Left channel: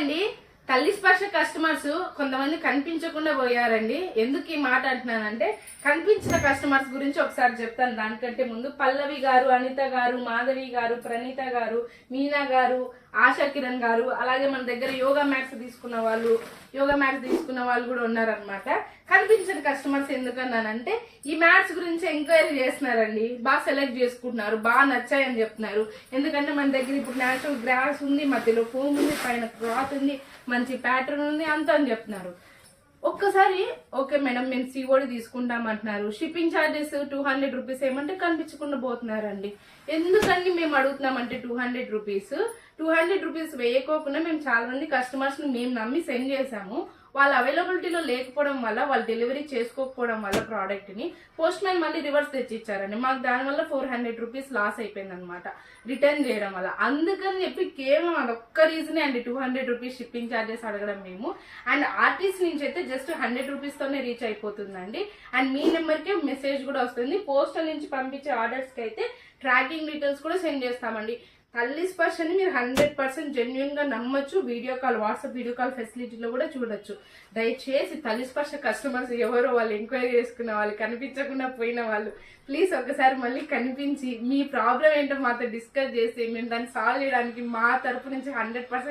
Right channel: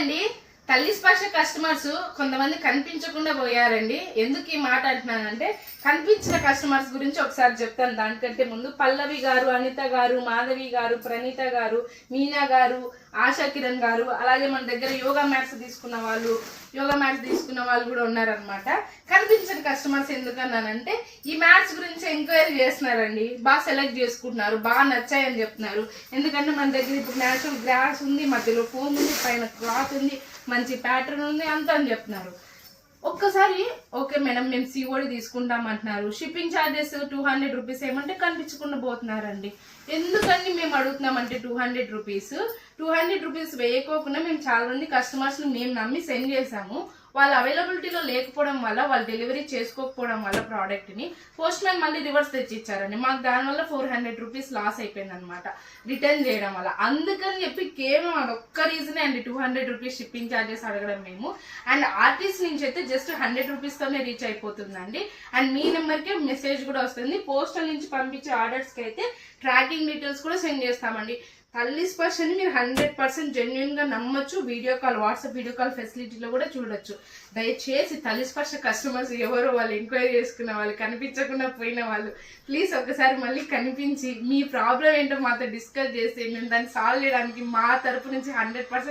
అండి. తల్లి స్పర్శ కస్టమర్స్ కొంతమంది కనిపించకుండా పోయారండి. ఎందుకు ఈ మాట అంటున్నానంటే, కనిపించిన కస్టమర్స్ గురించి ఒకసారి చెప్తాను. దానికంటే ముందు పల్లవి గారు, అనిత గారు, మాధవి గారు, ప్రణీత గారు, మీనా గారు, ఆశా కిరణ్ గారు, అలాగే మన దగ్గర యోగా మ్యాట్స్ తీసుకున్న వాళ్ళు కూడా ఉన్నారనమాట. కనిపించిన కస్టమర్స్ ఎందుకన్నానంటే, ఈ మ్యాట్స్ గురించి ఎంక్వైరీ చేస్తున్నారండి. బాగా సెలెక్ట్ చేసుకుంటున్నారు, బాగా నచ్చాయని చెప్తున్నారు. ఎందుకంటే మన దగ్గర ఇప్పుడు న్యాచురల్ గ్రాస్ ఉంది, మధ్యలో ఫోన్ ఉంది, పైన క్లాత్ ఉంది, మంచి ప్యాటర్న్ ఉంది అంతా అని చెప్తున్నారు. ఒక్కసారి ఓకే మేడం మేము సిఓడి తీసుకుంటాం అంటున్నారు. షిప్పింగ్ ఛార్జెస్ 200 రూపీస్ ఏమంటే కనిపించకుండా పోతున్నారండి. ఎందుకని మేము అడుగుతున్నామంటే 200 రూపీస్ 200 రూపీస్ వేయకోకుండా మేము చాలా మంది కస్టమర్స్ని మేము నమ్మి సెండ్ చేసాము. వాళ్ళ అవైలబిలిటీలో లేకపోవడం వల్ల, వాళ్ళు డెలివరీ చేసుకోకపోవడం వల్ల ప్రోడక్ట్ని పోస్ట్ మ్యాన్ మళ్ళీ రివర్స్ తెచ్చి ఇచ్చారండి. మాకు దానివల్ల 400 రూపీస్ లాస్ అయిపోయింది అనమాట రిటర్న్ చేయడం వల్ల. అందుకని చెప్పి కేవలం అదొక్క రీజనే అండి 200 రూపీస్ షిప్పింగ్ ఛార్జెస్ అడగడం మేము. అండ్ ఆర్టిస్ట్ నుంచి అయితే జస్ట్ 100 రూపీస్తోనే రీచ్ అయిపోతుందండి. అండ్ మీ నెంబర్కే మెసేజ్ కూడా వస్తుంది. పోస్టల్ నుంచి పంపించే ఆర్డర్స్కి అయితే ట్రాకింగ్ డీటెయిల్స్ కూడా సెండ్ చేస్తామండి. తల్లి స్పర్శని మీరు 100% జెన్యున్ గా నమ్మొచ్చు. Video call, WhatsApp video call ఫెసిలిటీలో కూడా చూడొచ్చు. దయచేసి తల్లి స్పర్శ కస్టమర్స్ ఎవరో వాళ్ళు ఎంక్వైరీ చేసుకున్న వాళ్ళు, కనిపించకుండా పోయిన వాళ్ళు, ప్లీజ్ ఒకసారి మళ్ళీ కనిపించి మీ ప్రాబ్లం ఏంటో మాతో డిస్కస్ చేసి మేము దాన్ని సాల్వ్ చేయడానికి మా తరపు నుంచి 100%